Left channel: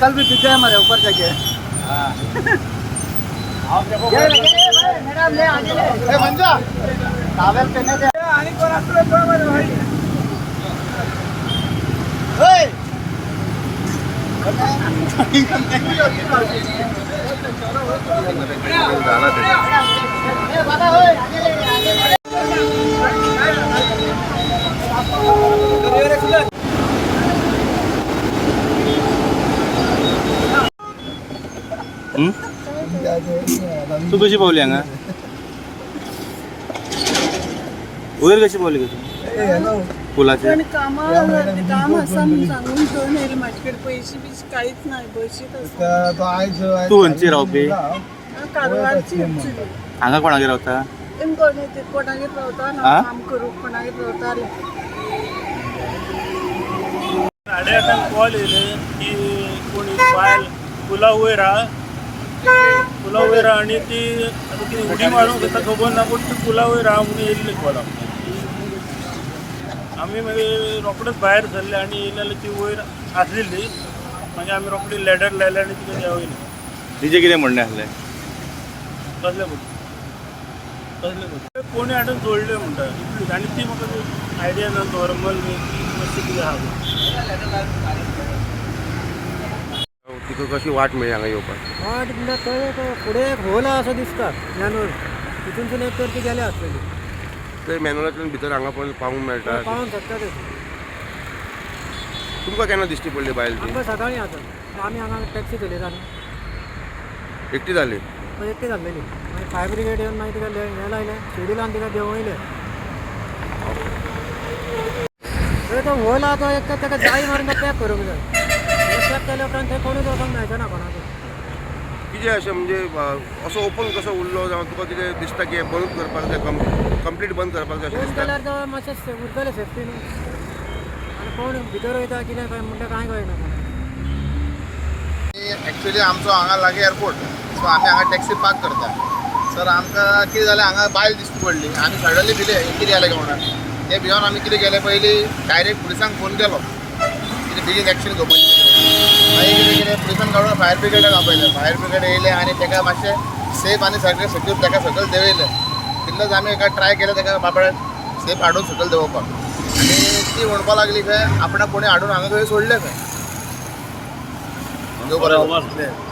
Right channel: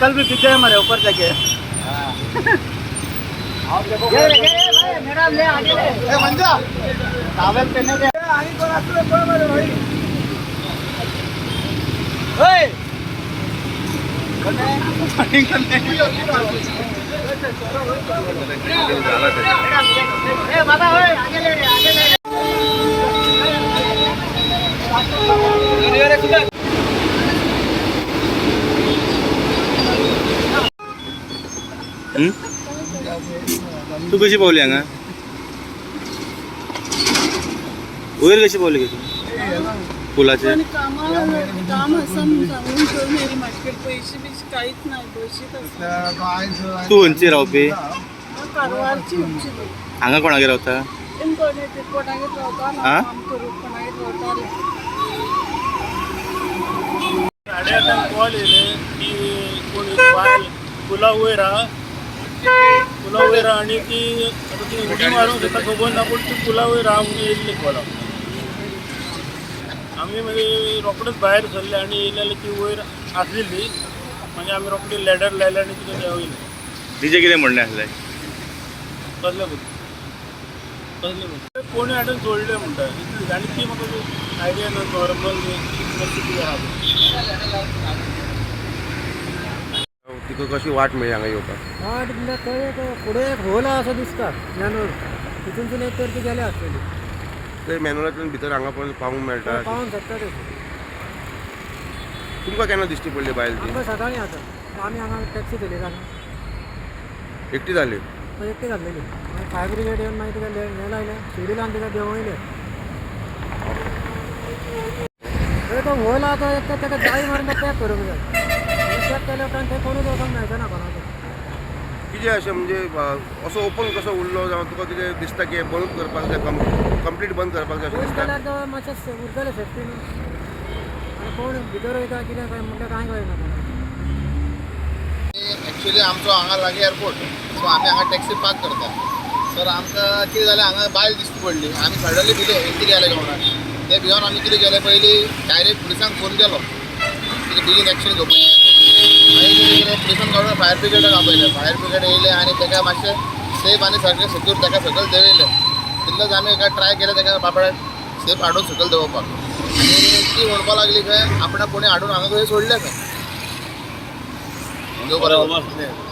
uncle भी पीछे हमारे ऊपर लगे तू कशी पावली हांगा वयर कशी पावली तू पुलाचे काम आसा म्हणून सांगून घेवन येयली म्हाजे कडेन पयशे बिशे कांयच ना बशीत तू खंयची रावपी कारवारची हांगा कोणागेर रावता कोणागेर रावता काम करूंक कोणागेर रावताले 8:30 कॉल येयले की कोणी बायल पुला वयर आनी ती आतां ती उडी मारूंक सोदता खबर ना पूण ती पुला वयर आहा म्हणून येयल्ले कॉल आमी मागीर रोखडेच भायर सरले आनी येयले जाल्यार ती वयर आसलेली मागीर आमी रोखडी लॅडर लायले आनी तिका देंवयले तिजें कितें म्हणणें आसलें कसले कोणी हाडून सोडले म्हणटा इतली आनी ती म्हाका आयडिया ना नॉर्मल ती मातशी कितें आहा तिका कशी वाट मेळ्ळी हांगा येवपाक वाट म्हणल्यार थंय फुडें एक होल आहा असो दिसता मॅनूर तितूनसून एक तर ती गेले आसलेली ते मॅनुअलांतल्यान भितर हांगा पर्यंत पावूंक मेळटा पावूंक शकता ते तुमकां केन्ना दिश्टी पडली बायल ती आमकां सकाळीं आसा आमी हांगा टॅक्सी चलयता एकटी जाली एकटी जाल्लेली मागीर फायर ब्रिगेड येवन मागीर तिका हे लायले शिडी लावन तिका देंवयले तो होल आहा तो एक ताका जाय मारून तो पॅक करूंक जाय पॅक केल्या उपरांत थंय कोणूच वचोंक मेळचे ना कोणाक कितें अशें म्हणजे असो ओपन कसो उरलो जावं तुका कितें दिसता की बंद करपाक जाय कंप्लीट बंद करपाक जाय अशें बंद दिसता केल्यार तो मातशें उरतलें सेफ्टी न्हू आनी कोण भितर वयता कितें काय म्हणटा कांय कळना एक्चुअली आमचो हांगा लागीं एअरपोर्ट सो आमी हांगा टॅक्सी पार्क करता सर आमकां कितें जालें हांगा बायल दिश्टी पडली आमी सडनली भिले कितें जालें काय म्हणून ते भिवन आमी कितें केलें पयलीं डायरेक्ट पुलिसांक फोन केलो कितें बेगीन एक्शन घेवपाची मागीर कितें केलें पुलिसान काडून फायर ब्रिगेडाक आपयलें फायर ब्रिगेड येयलें आनी ताका मातशें सेफ आनी सगळें सेक्यूर ताका सकयल देंवयलें तितलेंच आमी एका ट्राय केलें ताका बाबड्याक सेफ हाडून सकयल देंवोवपाक आनी ती म्हणपाक लागली खंय आपणाक कोणी हाडून हांगा खंय सोडलें खंय देव बरें